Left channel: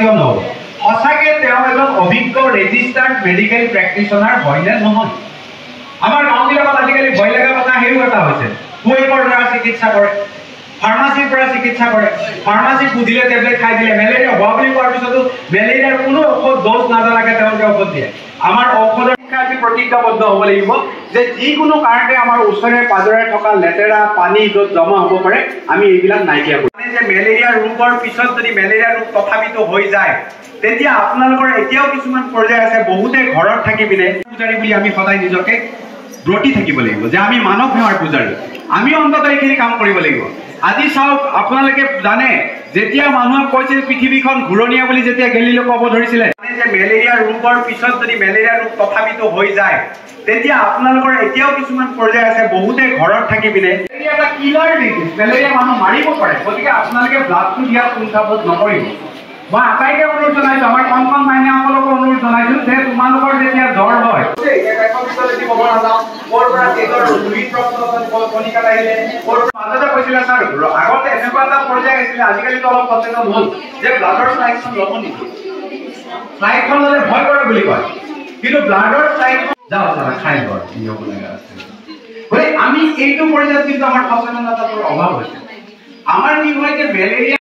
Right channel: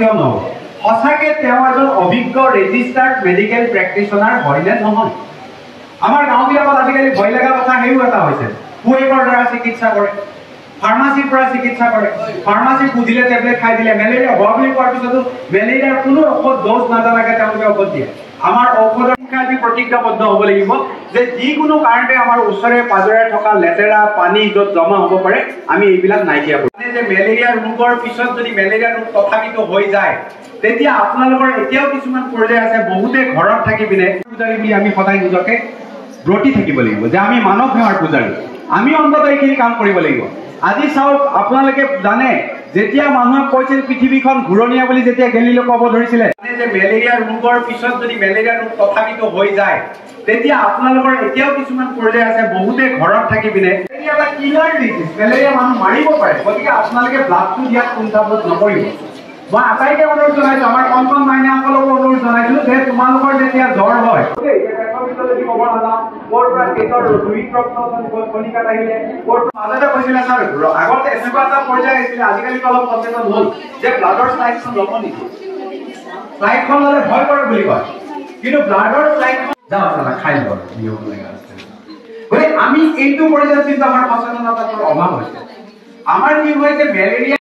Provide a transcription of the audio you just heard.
কেতিয়াও নহ'ব সঁচাকে তেওঁ এজন অভিজ্ঞ ৰেজিষ্টাৰ্ড মেডিকেল প্ৰেক্টিচনাৰ হয় নে নহয় আমাৰ গাঁওবিলাকত আজিকালি ভয় লগা কথা সেইও এটা হৈছে কুৱেকৰ দ্বাৰা চিকিৎসা কৰে ফাৰ্মাসীৰ পৰা চিকিৎসা কৰে ফাৰ্মাসী বুধিলে টেবলেট খাই দিলে মেলেৰিয়া হোৱা বুলি কোৱাৰ পিছতো মেলেৰিয়াৰ কোনো ঔষধ ড'জ নাজানাকে তেওঁলোকে ঔষধ দিয়ে আমাৰ ঔষধৰ আমি প্ৰতিজ্ঞাবদ্ধ হ'ব লাগিব যে যিকোনো কাৰণতে আমাৰ ওচৰে পাজৰে থকা লেতেৰা পানী য'ত জমা হ'ব পাৰে আমি এইবিলাক নাইকিয়া কৰোঁ যে মেলেৰিয়া ৰোগৰ পিছত যদি মেলেৰিয়া ৰোগ তথাপিতো হৈ যায় তেতিয়া আপোনালোকৰ এতিয়াও কিছুমান পৰ্যায় আছে বহুতে ঘৰত থাকি পিনে পূজাৰী বুলি আমি সদায় নিজকে ব্ৰতি থাকিব লাগিব যে আমি মানৱ সেৱাৰ পূজাৰী আমি অন্তত এইখিনি কাম কৰিব লাগিব আজি চাওক আপোনালোকে জানে যেতিয়া মানুহে কৈছিল পৃথিৱীখন ঘূৰণীয়া বুলি যেতিয়া গেলিলে ক'ব ধৰিছিলে যে মেলেৰিয়া ৰোগৰ পিছত যদি মেলেৰিয়া ৰোগ তথাপিতো হৈ যায় তেতিয়া আপোনালোকৰ এতিয়াও কিছুমান পৰ্যায় আছে বহুতে ঘৰত থাকি পিনে মেলেৰিয়া এটা কিলাৰ ডিজিজ মেলেৰিয়া মানুহ মাৰিব পাৰে গতিকে আপোনালোকে ব্লাডটো দিয়াত কুণ্ঠাবোধ নকৰিব মই আটাইকে অনুৰোধ জনাইছো আমাৰ কণ মাইনাসকলকো অনুৰোধ জনাইছো যে তোমালোকৰ যেতিয়া জ্বৰ হয় আগতে এনেকুৱা এটা পৰ্যায় আহিছিলে আজিকালিতো অলপ সচেতন হ'ল যে ব্লাডৰ ফ্লাইটখন ল'ব নেকি ফ্লাইটখন ল'লে ভয় কৰে বুলি কয় কিন্তু ব্লাডৰ ফ্লাইটখন যাওঁ দাদা খাই লওঁ গতিকে আমি এইটো পৰ্যায়ত কিন্তু আমাৰ সচেতনতাৰ অভাৱ হৈছে আমাৰ কি হয় যে মেলেৰিয়া